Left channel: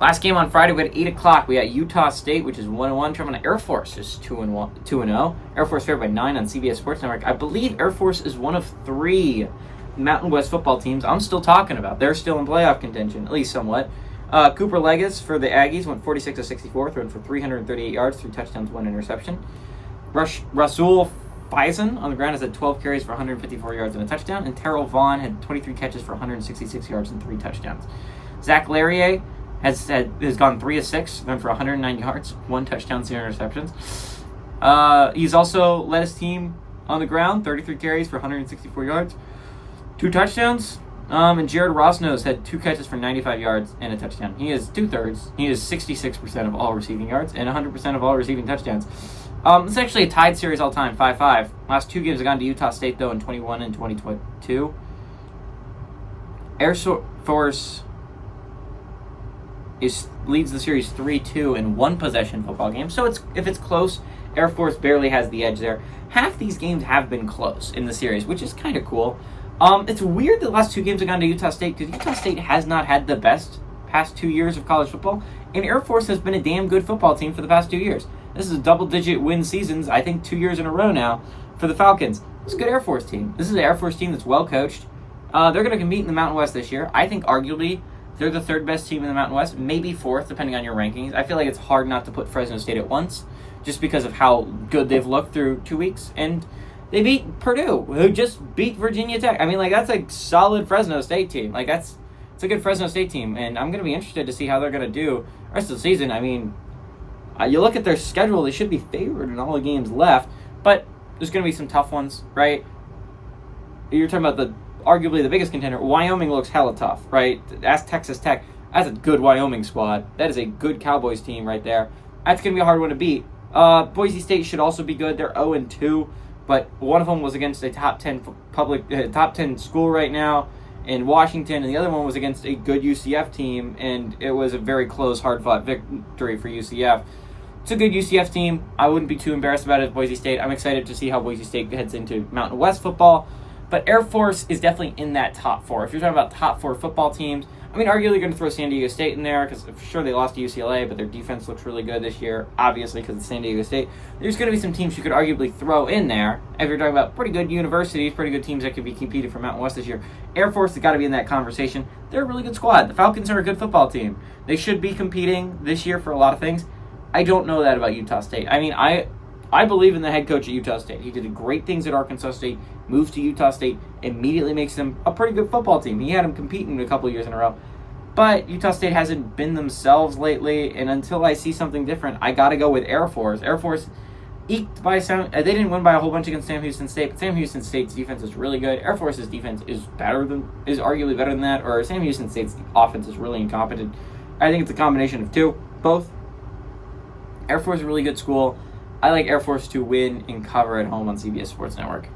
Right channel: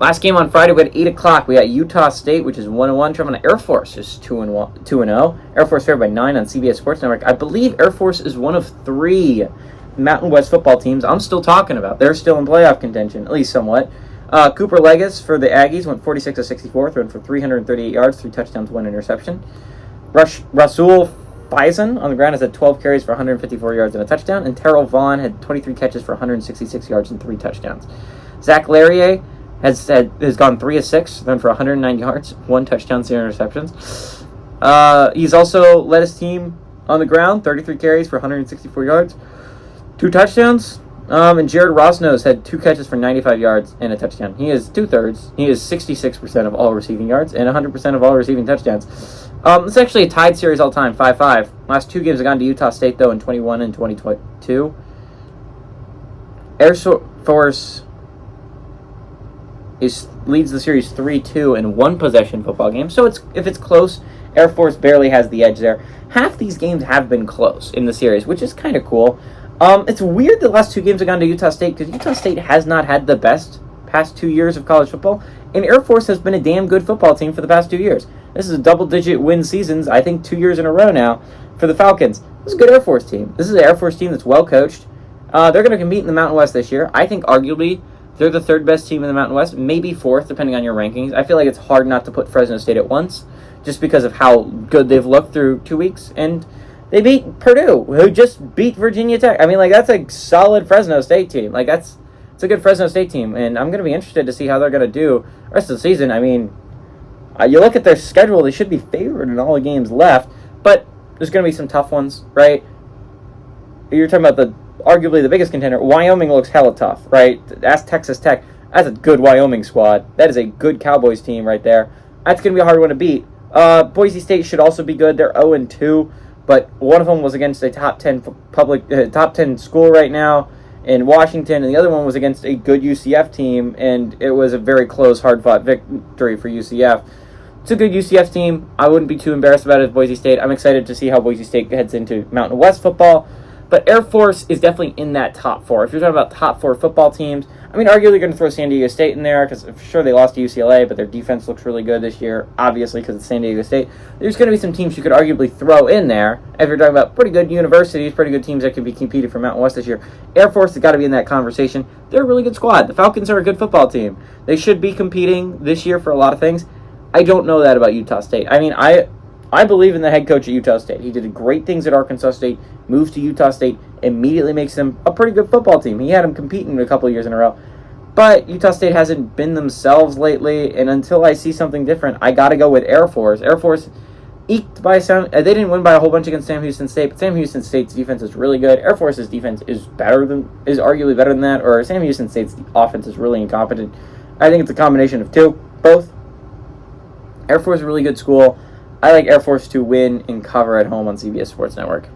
Last game on Friday, we had 8 o'clock. We got Utah State, which is 1-1. Traveling to Air Force, is 2-0. Air Force favored by 9 on CBS Sports Network. I believe Air Force is one of 3 Mountain West football teams I'm still talking about. They're still in playoff contention, at least somewhat. Cooper Legis for the Aggies went 46 of 64, thrown for 338 yards, 3 touchdowns, 1 interception. Rasul Faison on the ground has had 12 carries for 154 yards and a touchdown, and Terrell Vaughn had 23 catches for 166 yards and 3 touchdowns. Zach Larrier has gone 3 of 6, thrown for 109 yards, 1 touchdown, 0 interceptions. He's also led his team on the ground, 33 carries for 164 yards, 2 touchdowns. And Jared Rosnos had 2 catches for 95 yards and a touchdown. He is 2/3. He is 66% of all receiving yards and 100% of all receiving touchdowns. It's actually a tied series all time, 5-5. Last 2 games have gone to Utah State, though, in 21 and 2022. Air Force leads the series 3-2 in 1-possession football game. So if it's close, Air Force barely has the edge there. Half these games have been close in the series, which is kind of cool. It's weird the last 2 games have gone to Utah State because Utah State has not had the best past 2 years of college football, and Air Force has been a damn good football team for the past 2 years. This is a double-digit win seasons, I think 2 years in a row now for the Falcons. This is a good Air Force team. This is an Air Force team that's well coached. They're going to compete in the Mountain West this year. I think arguably they're the 3rd best team in the Mountain West, maybe 4th depending on your rankings. I feel like it's hard not to put Fresno State at once just because of how good they've looked through 2 weeks, and they beat Purdue, who just beat Virginia Tech. I mean, that's a solid Fresno State team. It's a good Fresno State team, and I'm going to be interested to see how they're going to do the rest of the season. I mean, you look at their schedule, they should be favored in all the games left, but there's going to be some tough ones, right? You're talking about arguably the biggest contender. Wyoming looks hella tough, right? Ask Texas Tech. That's a good Wyoming squad. That is a good Cowboys team right there. That's going to be a hard one to beat. Boise State should also be good. They're 0-2. But one of them was against a top 10 school right now in Washington, and the other one was against a good UCF team, and it was a very close, hard-fought victory for UCF. It's a good UCF team. I wouldn't be too embarrassed about it as Boise State. I'm excited to see how Boise State heads into Mountain West football. But Air Force is definitely in that top 4. If you're talking about top 4 football teams, I mean, arguably you're going to throw San Diego State in there because for sure they lost to UCLA, but their defense looks really good this year, obviously because it's San Diego State. There's going to be some teams you could arguably throw in there if you're talking about pretty good universities, pretty good teams that could be competing for Mountain West this year. Air Force has got to be in that conversation. They're a really good squad. The Falcons are a good football team. They should be competing this year for a lot of things. I don't know that about Utah State. I mean, I believe in the head coach at Utah State. He did great things at Arkansas State, moves to Utah State, immediately makes them a pretty good football team. He had them competing a couple years in a row. But Utah State hasn't been themselves lately, and until I see something different, I got to go with Air Force. Air Force eked by they didn't win by a whole bunch against Sam Houston State, but Sam Houston State's defense is really good. Air Force's defense is arguably better than that, or Sam Houston State's offense is really incompetent. I think it's a combination of both. Air Force is a really good school. I like Air Force to win and cover at home on CBS Sports Network.